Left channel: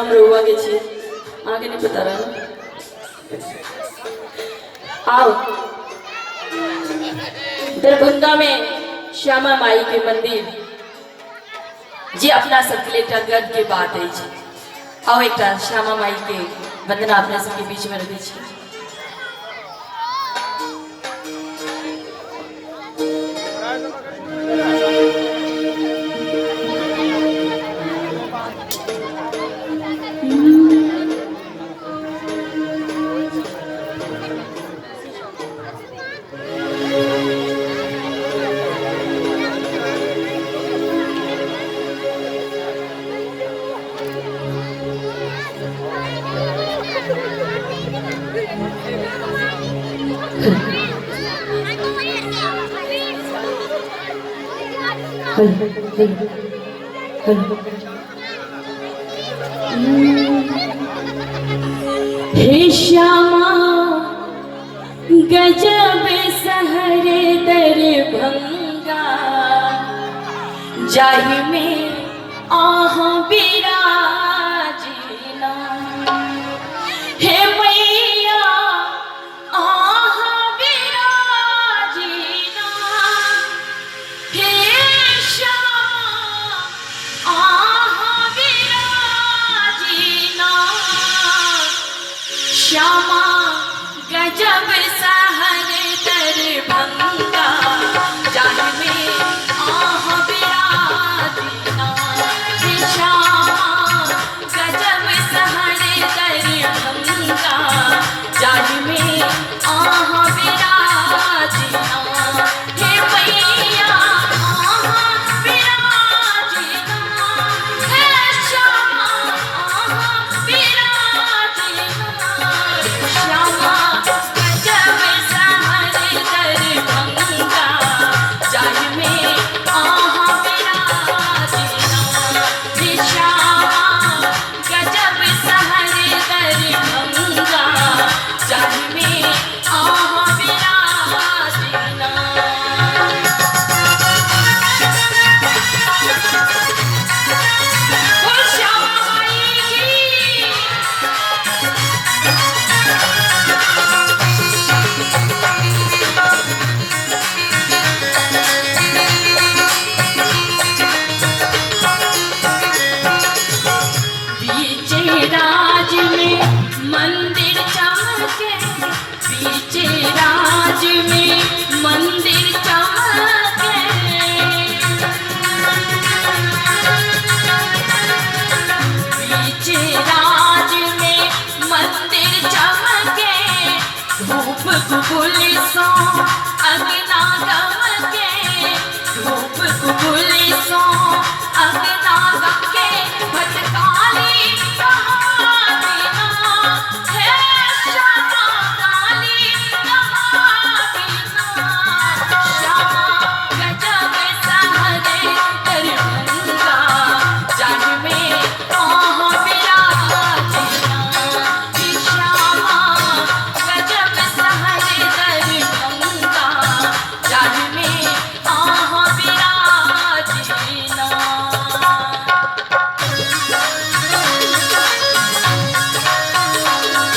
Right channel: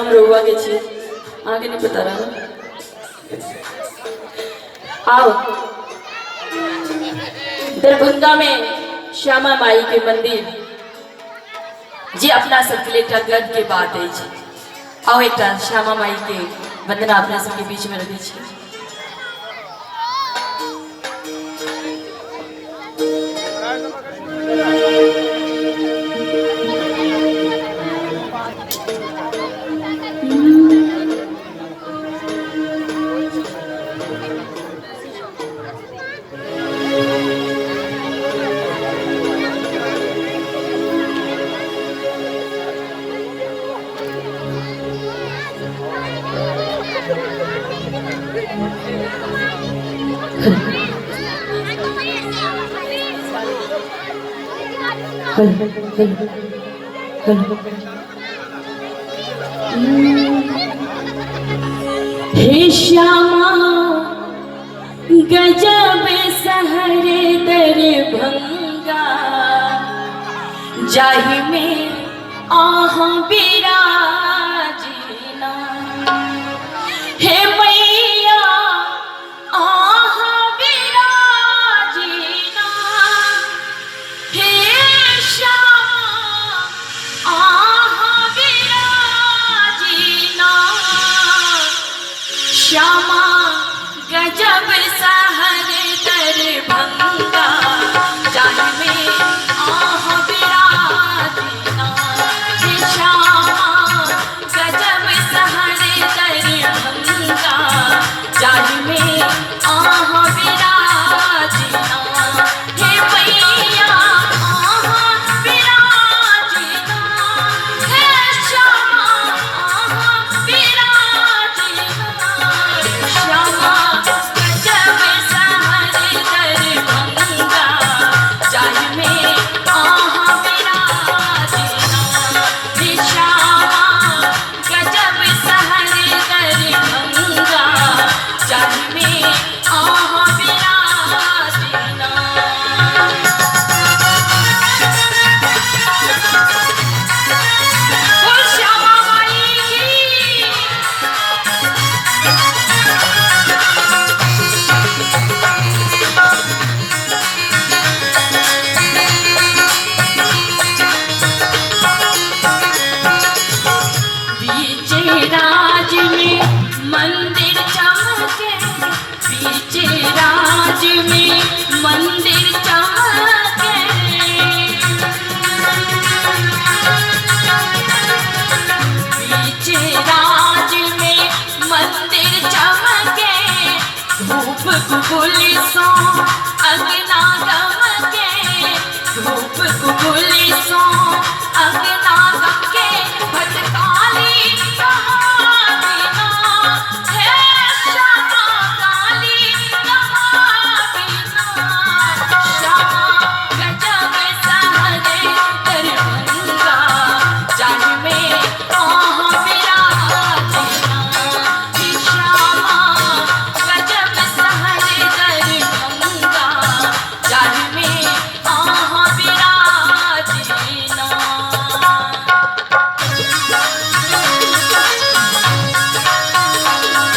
हम रहुआ के छी आगे नहीं पता रहा। आओ दरभंगा में श्यामा माई के मंदिर जी अपना सबके लिए गर्व के बात है जी। आओ एक श्यामा माई के वंदना अपना सबके बीच में रखी छी। हे श्यामा गजब सहरे दरभंगा जाहि में आह बिराजीना। हे मैया आह बिराजीना। हे श्यामा आह बिराजीना। श्यामा गजब सहरे दरभंगा जाहि में आह बिराजीना। हे श्यामा गजब सहरे दरभंगा जाहि में आह बिराजीना। हे मैया आह बिराजीना। हे श्यामा आह बिराजीना। श्यामा गजब सहरे दरभंगा जाहि में आह बिराजीना। हे श्यामा गजब सहरे दरभंगा जाहि में आह बिराजीना। ओ श्यामा माई की बीच राज में मंदिर चमके। बीच राज में मंदिर चमके। बीच राज में मंदिर चमके। धूप गुल सो अगना गमके। धूप गुल सो अगना गमके। भटकाली कहाबिना। हे श्यामा काली कहाबिना। श्यामा गजब सहरे दरभंगा जाहि में आह बिराजीना। हे श्यामा गजब सहरे दरभंगा जाहि में आह बिराजीना।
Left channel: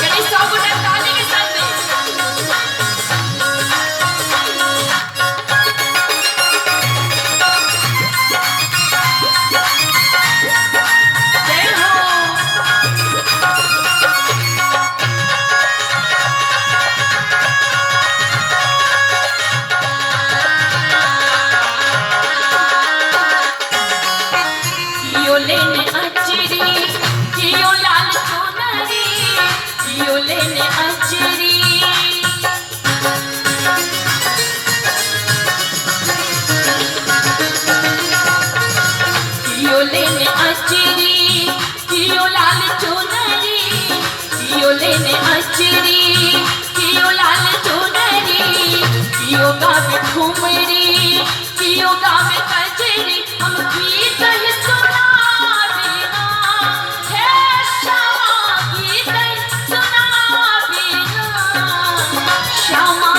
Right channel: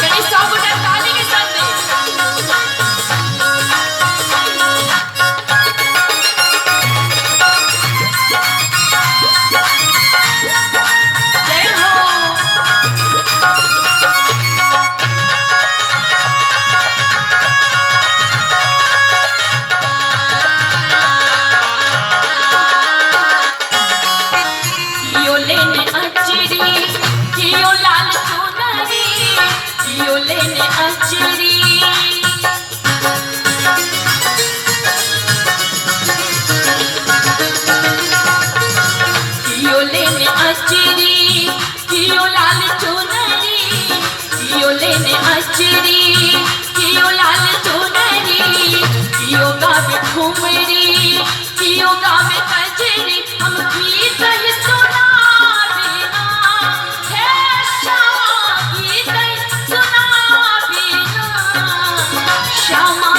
बड़ी सौगुना ताली के साथ जय हो। कियो लेने अचरी कियो लाल चुनरी। कियो लेने अचरी कियो लेने अचरी। कियो लाल चुनरी। कियो लेने अचरी। कियो लाल चुनरी। कियो गावे ठुमरी। कियो गावे कजरी। हम गीत ही सुनाबिना। हे श्यामा गीत ही सुनाबिना। श्यामा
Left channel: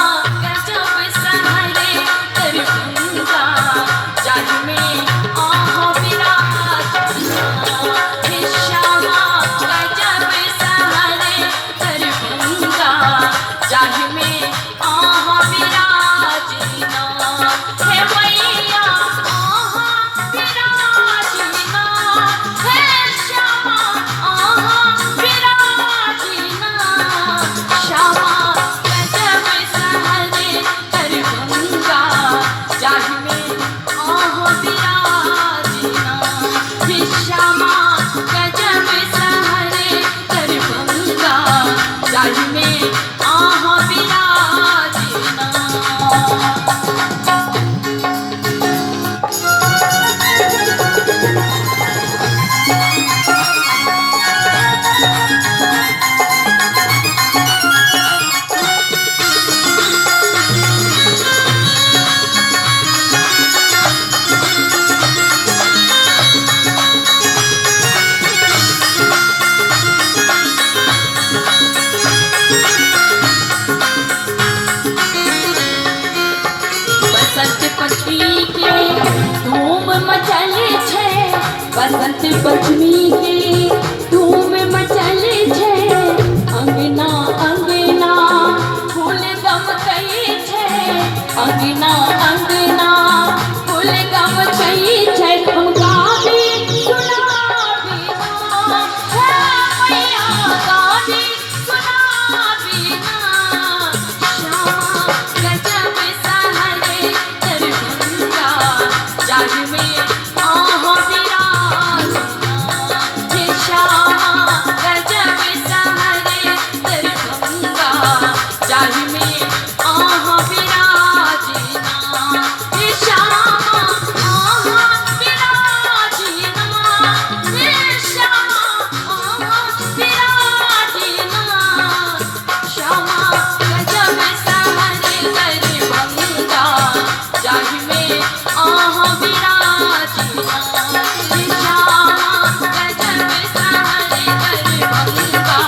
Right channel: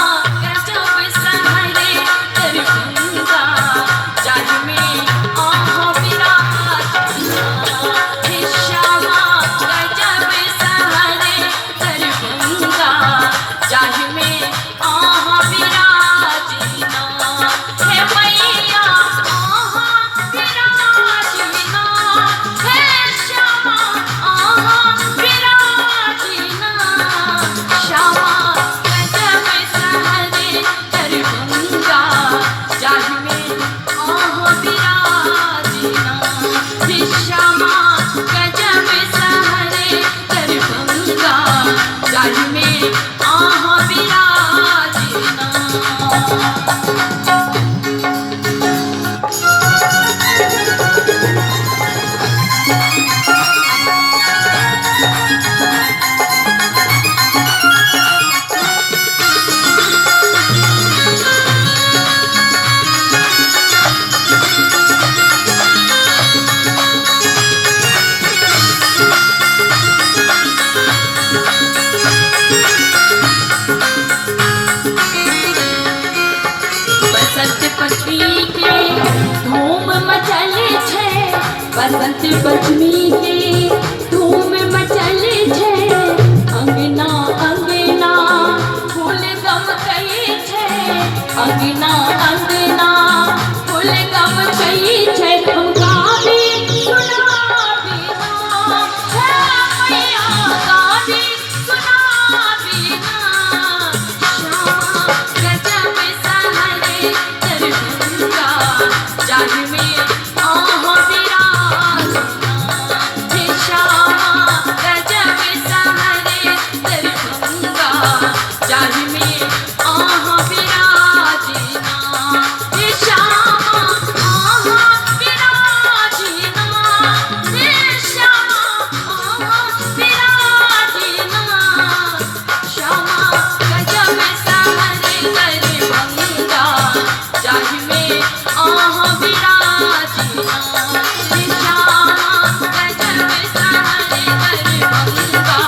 गजब सहरे दरभंगा जाहि में आह बिराजीना। हे श्यामा आह विराजना। बसंत पंचमी के धूम मचले छे, बसंत पंचमी के धूम मचले छे, अंगना अंगना फूल गम कई छे, अंगना अंगना फूल गम कई छे, हम गावी सुनावी ना, हे मैया गावी सुनावी ना, श्यामा गजब सहरे दरभंगा, जाहि में आह विराजना, हे श्यामा गजब सहरे दरभंगा, जाहि में आह विराजना, हे श्यामा आह विराजना, हे श्यामा आह विराजना, श्यामा गजब सहरे दरभंगा, जाहि में आह विराजना, हे श्यामा गजब सहरे दरभंगा,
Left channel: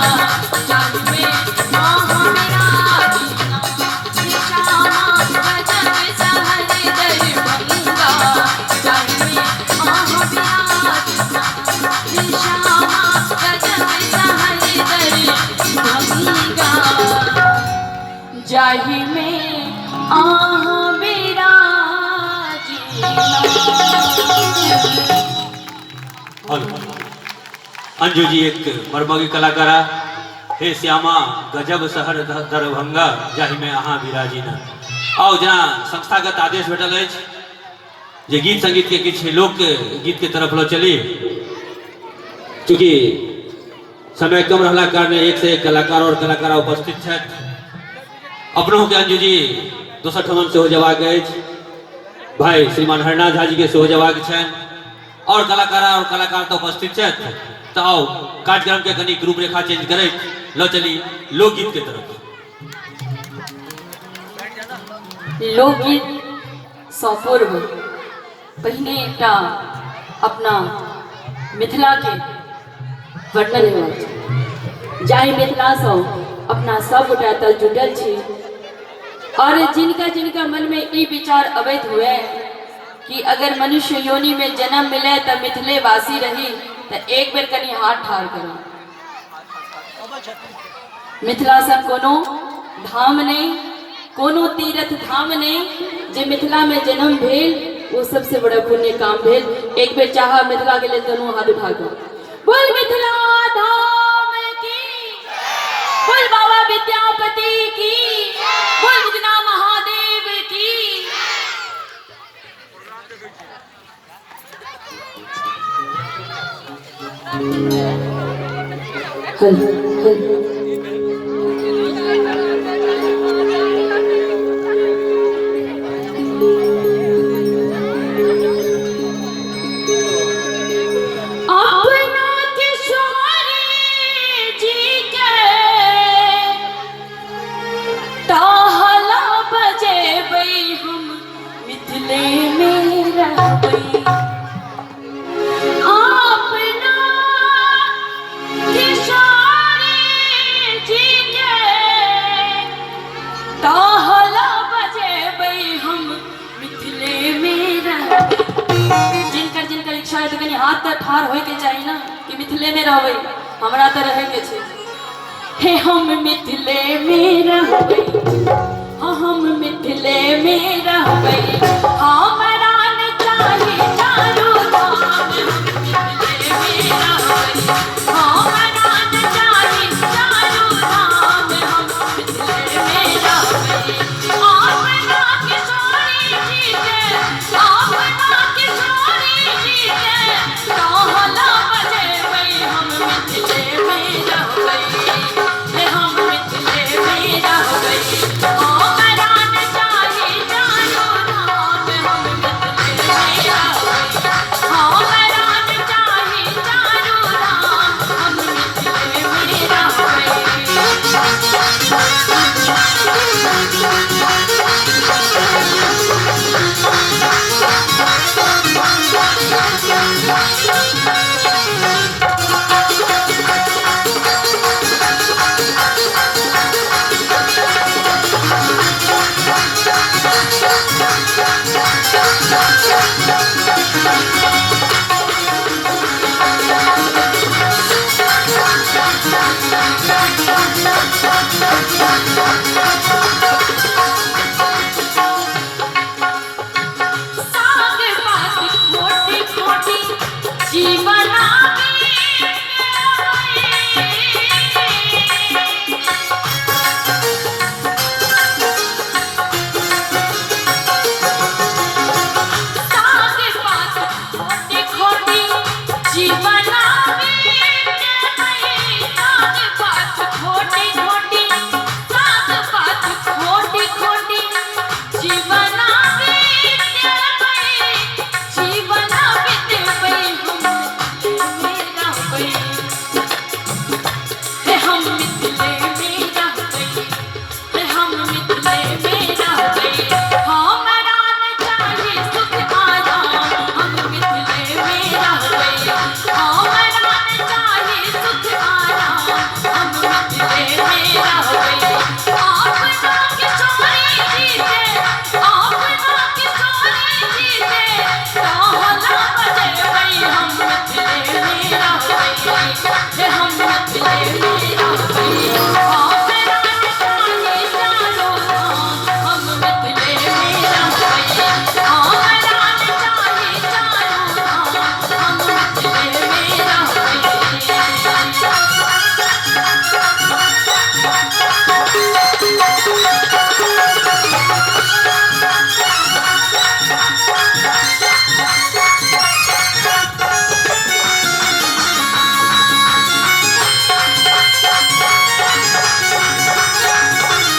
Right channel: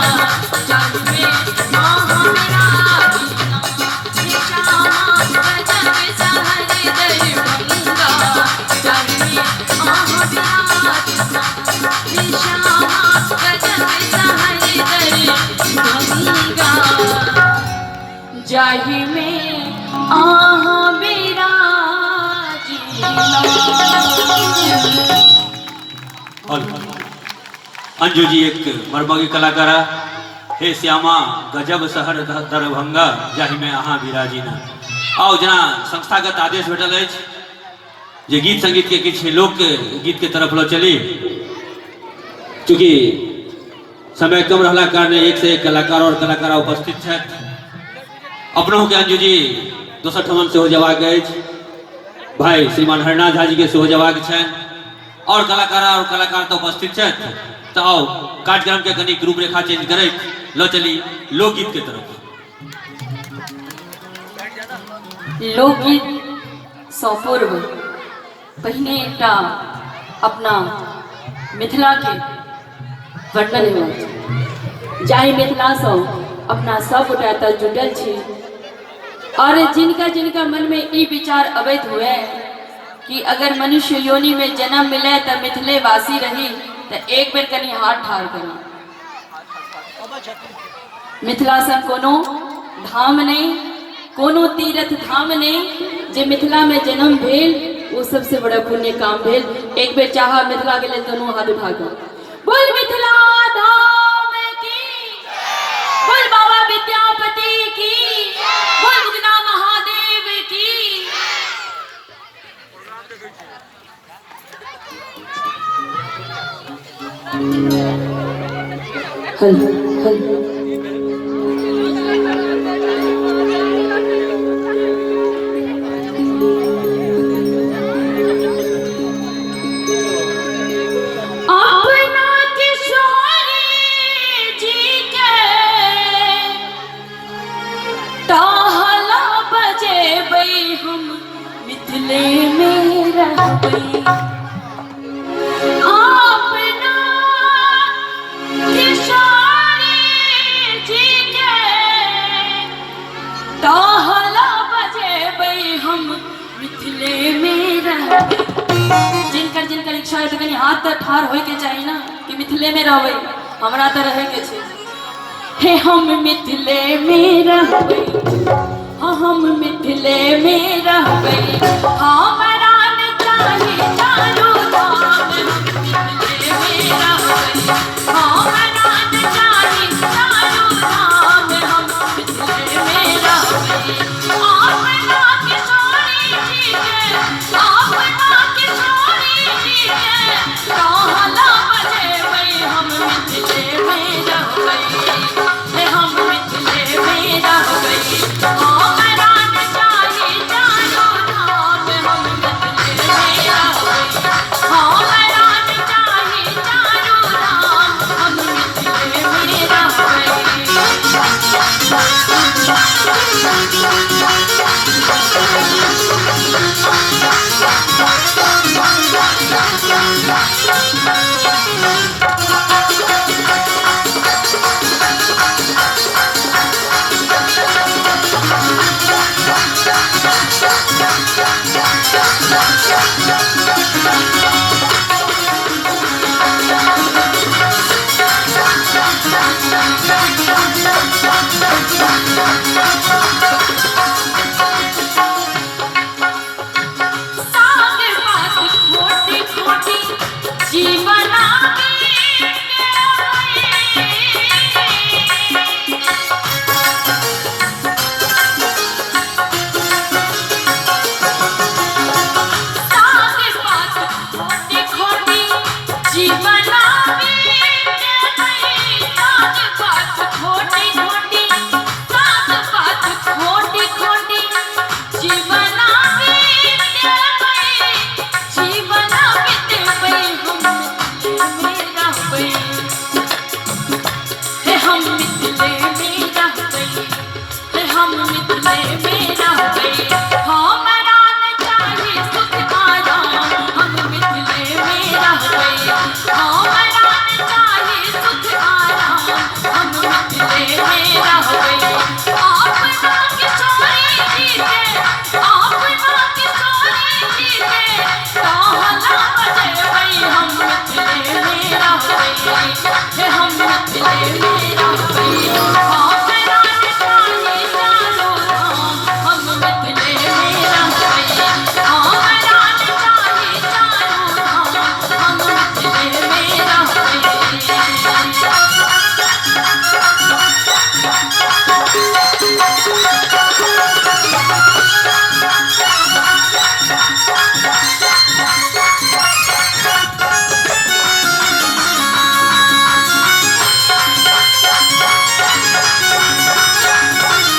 जाहि में आह विराजना, हे श्यामा गजब सहरे दरभंगा, जाहि में आह विराजना, हे श्यामा गजब सहरे दरभंगा, जाहि में आह विराजना। अंजू जी एक मरमगी कलाकारा, हे श्यामा गजब शहर दरभंगा, जाहि में अहाँ विराजीना। आओ जना संस्थागत आदेश भेटल अछि जे गीत संगीत के किछु लोक गीत के तरफ लो चली, चूँकि समय कम रहला कारणे एक से एक कलाकार और कलाकारा उपस्थित छथि। अपनों के अंजू जी दोसर ठमन सेहो जयबाक अछि, भाई श्रीमान हरनाथ झा जी के सेहो जयबाक छनि, और कलाकारा और कलाकार तो उपस्थित छथि। तो आओ कार्यक्रम के कनी रूपरेखा चेंज करैत लो चली लोकगीत के तरफ। लोकगीत सँ पूर्व पहिने एकटा अपना मिथिला के वर्णन होइत, जाहि मिथिला सँ अपना सब गोटा एतऽ जुटल छी, और जिनका जिनका मन में ई विचार अवैध हुए कि अगर मनुष्य योनि में जन्म मिले तो मिथिले वासी रही, तो एक बेर कनी हाथ ठाड़ करी। मिथिला सँ कोनो धाम नहीं, कोनो तीर्थ धाम नहीं, जे मिथिला में जन्म भेल वो सबसे बड़ा पुण्य काम भेल। एक बेर चाहा मिथिला के लिए दोनों हाथ उठा कर बोल मिथिला धाम की, बोल बाबा विद्यापति की, बोल बुगना महादेव की। हल हल जिनकर इच्छा है तो कहीं हाथ तक ठाड़ होय के चाहिए ना कि मिथिले में रहबै, हमरा तो रहे के छै। हे हम मिथिले में रहबै, हम मिथिले में रहबै, हमरा न चाही चारू धाम, हम मिथिले में रहबै, हमरा न चाही चारू धाम, हम मिथिले में रहबै। अपना किशोरी जी के, अपना किशोरी जी के, कहला बजेबै, हम मिथिले में रहबै, हम मिथिले में हम